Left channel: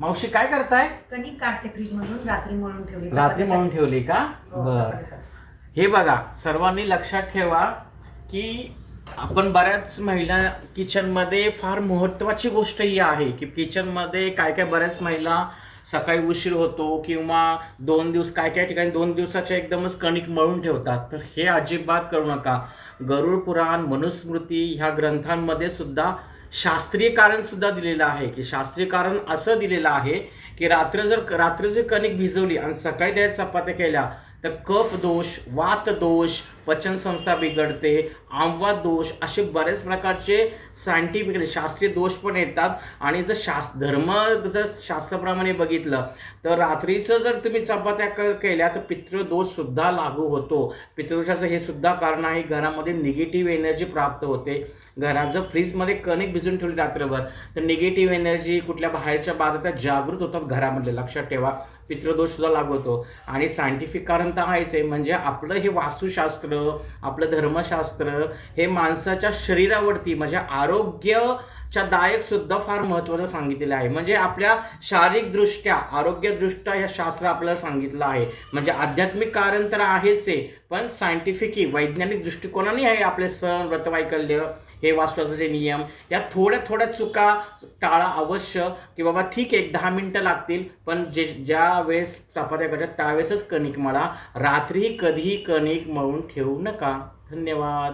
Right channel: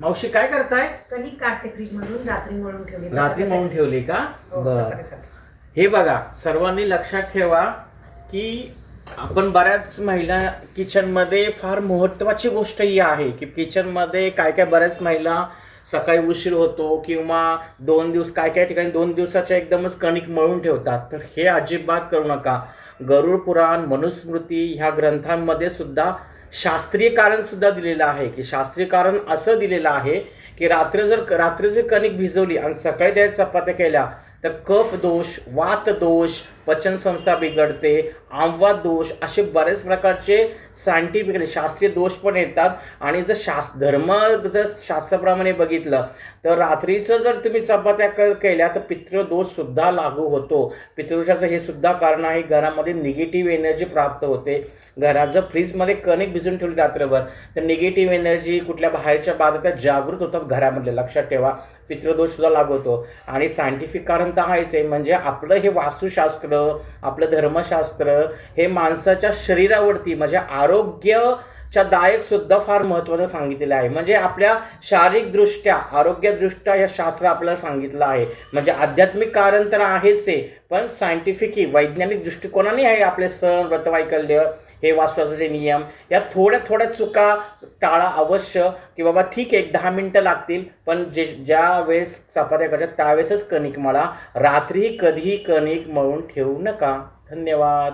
मावशी काय करताय? कणिक काढते फ्रीज मधून, रात्री मळून ठेवली. रात्री मळून ठेवली का? बर. हे बघा, सर्वांनी लक्षात ठेवा की आपण बऱ्याच महिला किचनमध्ये फार महत्त्वाची गोष्ट ही आहे की किचनमध्ये काय काय बऱ्याच महिला सकाळी उशीर होतो किंवा 2 दिवस काय काय ठिकाणी 2 दिवसाच्या एकदमच कणिक मळून ठेवतात. तर हे अजिबात करू नका. गरुड पुराण, मनुस्मृती ह्या ग्रंथांमध्ये सुद्धा शास्त्रीय कारण सुद्धा दिलेलं आहे की शास्त्रीय कारण असं दिलेलं आहे की रात्री जर कणिक भिजवली आणि सकाळी त्या चपात्या केल्या तर कफ दोष, वात दोष, पचनसंस्था बिघडते, आमवात दोष, असे बरेच प्रकारचे सायंटिफिकली शास्त्रीय दोष पण येतात. आणि जर जर शास्त्राप्रमाणे बघितलं तर रात्रीचं जर तुम्ही चपात्या केल्या तर पितृदोष सुद्धा लागू होतो. पितृदोषाचं हे सुद्धा कारण आहे. घरामध्ये निगेटिव्ह एनर्जी प्राप्त होते. घरात जर फ्रीजमध्ये कणिक भिजून ठेवली रात्रभर तर निगेटिव्ह एनर्जी, कुठल्या बाहेरच्या बाधा जागृत होतात घरामध्ये. लक्षात ठेवा, पितृदोष सुद्धा लागू होतो. आणि सायंटिफिक कारण तर आहेच आहे. म्हणजे आपलं हे वास्तुशास्त्र, आपलं धर्मशास्त्र हे माणसाच्या शरीरावरती म्हणजे आरोग्याच्या दायक सुद्धा फार महत्त्वाचं सांगितलेलं आहे. म्हणजे आपल्या शारीरिकदृष्ट्या, आरोग्यदृष्ट्या या शास्त्र आपल्याला सांगितलं आहे. म्हणजे आध्यात्मिक कारण तर आहेच आहे, पण सायंटिफिक वैज्ञानिक दृष्टिकोनाने आहे. आपले सण, व्रतवैकल्य, हे वास्तुशास्त्राचे नियम, या थोड्या चुका टाळा अवश्य. की बाबा ठीक आहे 10 मिनटं लागतील, पण ज्या वेळेस चपात्या करतात त्यावेळेसच कणिक मळा. रात्री कधीही कणिक मळून ठेवू नका. धन्यवाद.